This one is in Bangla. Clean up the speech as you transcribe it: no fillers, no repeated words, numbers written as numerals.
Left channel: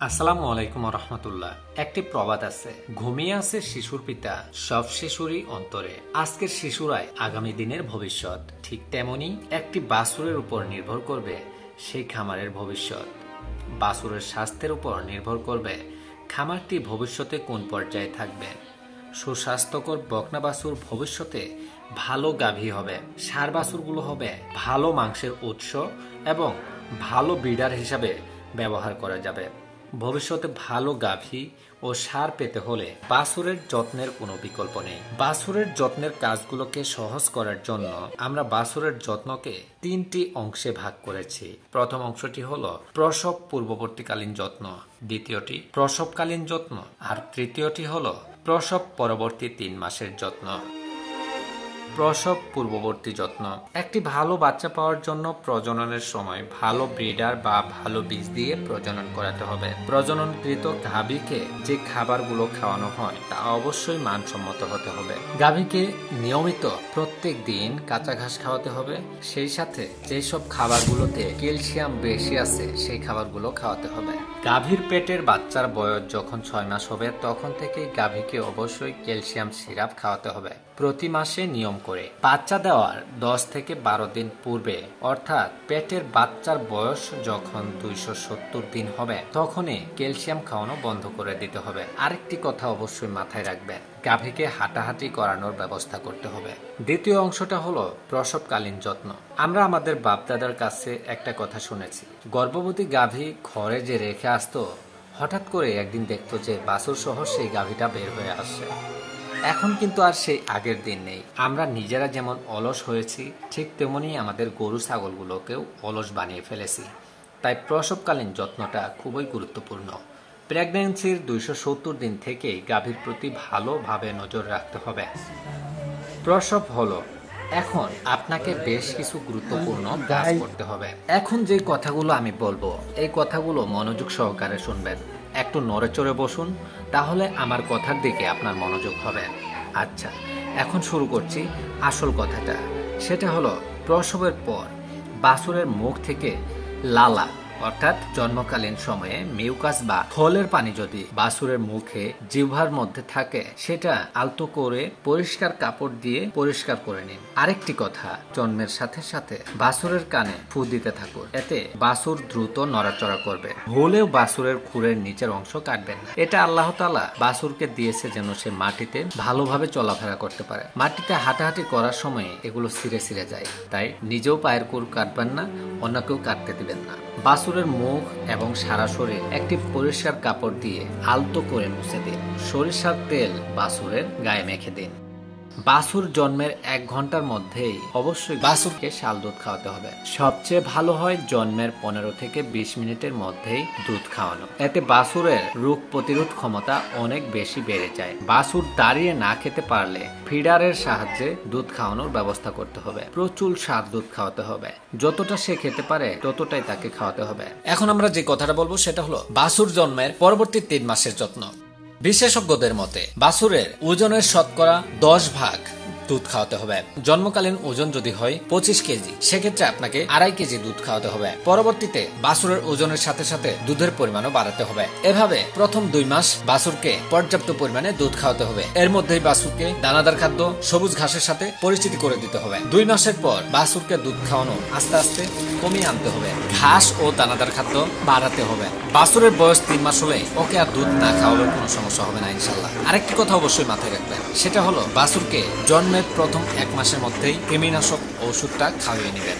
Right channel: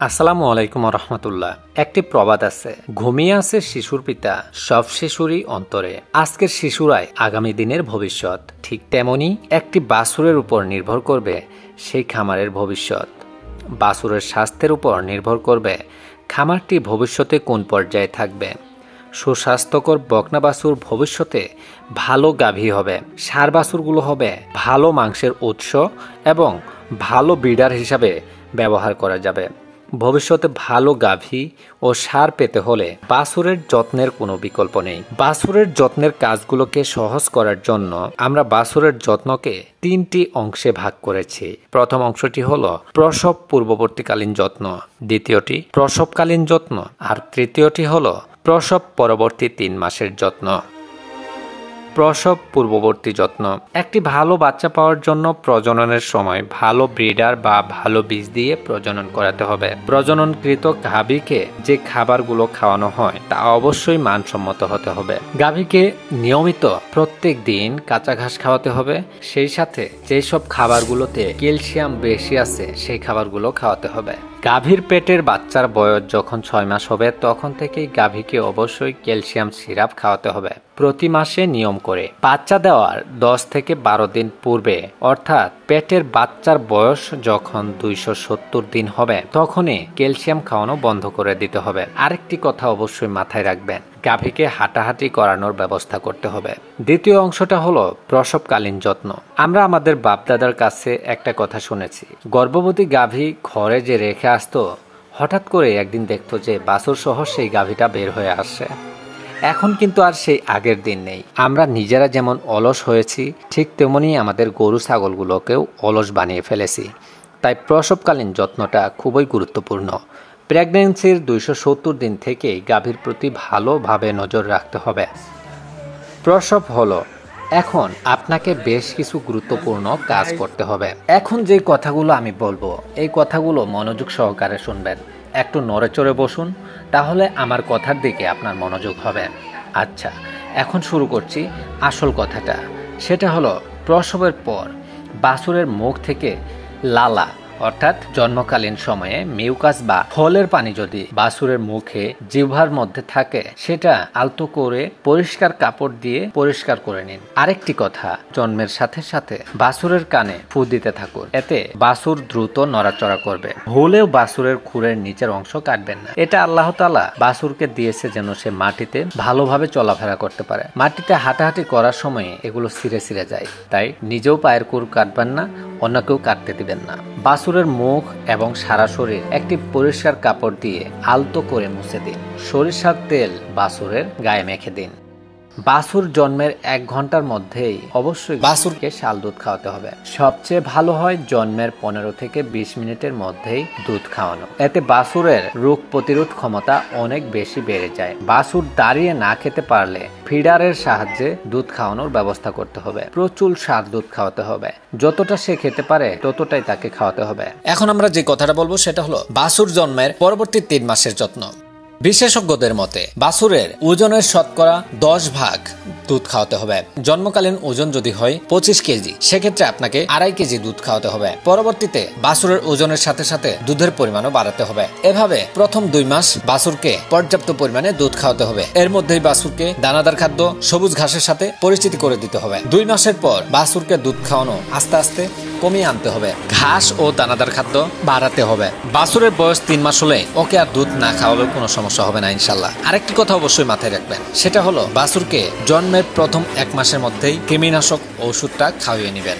আসসালামু আলাইকুম রহমতুল্লাহ। একটি প্রবাদ আছে, ঘুমিয়ে আছে শিশুর পিতা, সব শিশুরই অন্তরে। আজকের শিশুরাই আগামী দিনের ভবিষ্যৎ। ঠিক তেমনি একটি বাছুরের উপর নির্ভর করবে সেই খামারের ভবিষ্যৎ। বাছুরের স্বাস্থ্যের উপর নির্ভর করবে খামারটি ভবিষ্যতে কোন পর্যায়ে থাকবে। সুস্বাস্থ্যকর বকনা বাছুর ভবিষ্যতে ভালো গাভী হবে, ষাঁড় বাছুরগুলো হবে ভালো মাংসের উৎস এবং ভালো ব্রিডার হিসাবে ব্যবহার করা যাবে। ভবিষ্যতে ভালো গাভী ও ষাঁড় পেতে হলে বাছুরের যত্নের কোনো বিকল্প নেই। বাছুরের যত্নের কাজগুলোকে সহজ করার জন্য আমরা বাছুরের যত্নকে 3টি অংশে ভাগ করেছি। প্রথম অংশটি হলো প্রসব পূর্ববর্তীকালীন যত্ন, দ্বিতীয়টি প্রসবকালীন যত্ন আর তৃতীয়টি হলো প্রসব পরবর্তী 3 মাসের যত্ন। প্রসব পূর্ববর্তী যত্ন। একটি ভালো বাচ্চা পাওয়ার জন্য প্রজননের সময় ভালো ব্রিডার বা ভালো বীজ দিয়ে প্রজনন করাতে হবে। প্রজননকৃত গাভীকে যে খাবারগুলো খাওয়ানো হয় তা অবশ্যই মানসম্মত হতে হবে। গাভীকে নিয়মিত প্রত্যেক দিন কাঁচা ঘাস খাওয়াতে হবে। সেই সাথে যেসব খাবারগুলোতে ক্যালসিয়াম বেশি আছে সেই খাবারগুলো খাওয়াতে হবে। গাভীর পেটের বাচ্চার বয়স যখন 6 মাস হবে তখন থেকেই গাভীকে অবশ্যই ক্যালসিয়াম সিরাপ খাওয়াতে হবে প্রতি মাসে নিয়ম করে। বাচ্চা দেওয়ার 10 থেকে 12 দিন পূর্বে অর্থাৎ পেটের বাচ্চার বয়স যখন 270 দিন হবে তখনই ক্যালসিয়াম খাওয়ানো বন্ধ করে দিতে হবে। আরেকটি কথা অবশ্যই মাথায় রাখবেন, গাভীকে হাঁটাহাঁটি করানোর ব্যবস্থা করতে হবে। দ্বিতীয় অংশটা হলো প্রসবকালীন যত্ন। আমরা আমাদের বাপদাদার কাছে একটা কথা শুনেছি, গর্ভবতী গাভী ঘরে যে রেখে আসতো, হঠাৎ করে একদিন দেখতো যে বাছুর সহ সেই গাভীটা বের হয়ে আসছে। এখন কিন্তু আর সেই আগের দিন নেই। আমরা নিজেরা যেমন অলস হয়েছি ঠিক তেমনি আমাদের গরু ছাগলগুলোকেও অলস বানিয়ে ফেলেছি। তাই প্রসবকালীন যত্নটা খুবই গুরুত্বপূর্ণ। প্রেগন্যান্সির 270 দিন থেকেই গাভীর প্রতি ভালোভাবে নজর রাখতে হবে। প্রসব হলো এখন আপনাকে বেশ কিছু গুরুত্বপূর্ণ কাজ করতে হবে। এখন যে কথাগুলো আমি বলবো এই কথাগুলো মনোযোগ সহকারে শুনবেন। একটু নড়ে চড়ে বসুন, তাহলে আমার কথার দিকে আপনার মনোযোগ হবে। আচ্ছা, এখন শুরু করছি আসল কথাটা। সেটা হলো প্রসবের পর বাছুরের মুখ থেকে লালা অর্থাৎ জন্মকালীন সময়ে মিউকাস বা ফলের পানি যদি বাছুরের মুখে জিহ্বার মধ্যে থাকে সেটা আলতো করে পরিষ্কার কাপড় দিয়ে পরিষ্কার করে নিন। আরেকটি কথা, জন্মের সাথে সাথে বাছুরের কানে ফু দিতে থাকুন। এতে বাছুর দ্রুত নড়াচড়া করবে। ভুলেও বাছুরের খুরের নিচের অংশ কাটবেন না। এটা আল্লাহ তাআলা বাছুরকে দিয়েছে যেন সে মাটিতে ভালোভাবে চলাফেরা করতে পারে। মাটিতে হাঁটাহাঁটি করার সময় এগুলো ছিঁড়ে ছিঁড়ে যায়, তাই নিজেও পায়ের খুর কাটবেন না, অন্যকেও কাটতে দিবেন না। বাছুরের মুখ এবং সারা শরীর একটি পরিষ্কার কাপড় দিয়ে আলতো করে মুছে দিন। সরিষার তেল বাছুরের গায়ে মেখে দিন। বাছুর জন্মের 1 ঘন্টার মধ্যেই অবশ্যই বাছুরকে শাল দুধ খাওয়াতে হবে। সবচেয়ে ভালো হয় জন্মের 15 থেকে 20 মিনিটের মধ্যেই দুধ খাওয়ানো। এতে বাছুরের রোগ প্রতিরোধ ক্ষমতা অনেক বেশি বেড়ে যায়। বাছুর দাঁড়িয়ে না খেতে পারলে ফিডারের সাহায্যে দুধ খাওয়ানোর ব্যবস্থা করতে হবে। প্রচুর স্বাদ দুধ খাওয়াতে হবে। যতটা সে খেতে পারে ততটাই তাকে খাওয়াতে হবে। এখন আমরা যে কথাটা বলবো সেটা হলো বাছুর জন্মের পরবর্তী 3 মাসের যত্ন। বিশেষজ্ঞদের মতে বাছুরের ওজনের শতকরা 10 ভাগ দুধ খাওয়াতে হবে। জন্মকালীন ওজন যদি হয় 25 কেজি, সেক্ষেত্রে আপনাকে 2.5 কেজি দুধ খাওয়াতে হবে। পরবর্তীতে বাছুরের ওজনের সাথে সাথে দুধের পরিমাণও বাড়াতে হবে। এভাবে প্রথম 2 মাস বাছুরকে পর্যাপ্ত পরিমাণে দুধ খাওয়াতে হবে। এর মধ্যেই বাছুরকে দানাদার খাদ্য, সবুজ ঘাসের সাথে পরিচিতি করে দিতে হবে। 2 মাসের পর বাছুরকে দুধ খাওয়ানো আস্তে আস্তে কমিয়ে আনতে হবে। ঘাস ও দানাদার খাদ্য বাড়াতে হবে। বাছুরের বয়স 3 মাস হলে ওকে আর দুধ না খাওয়ালেও কোনো সমস্যা হবে না ইনশাল্লাহ। আরেকটি কথা অবশ্যই মাথায় রাখবেন, সেটা হলো বাছুরকে জন্মের প্রথম 1 মাসের মধ্যেই কৃমিনাশক ওষুধটা খাওয়িয়ে নেবেন।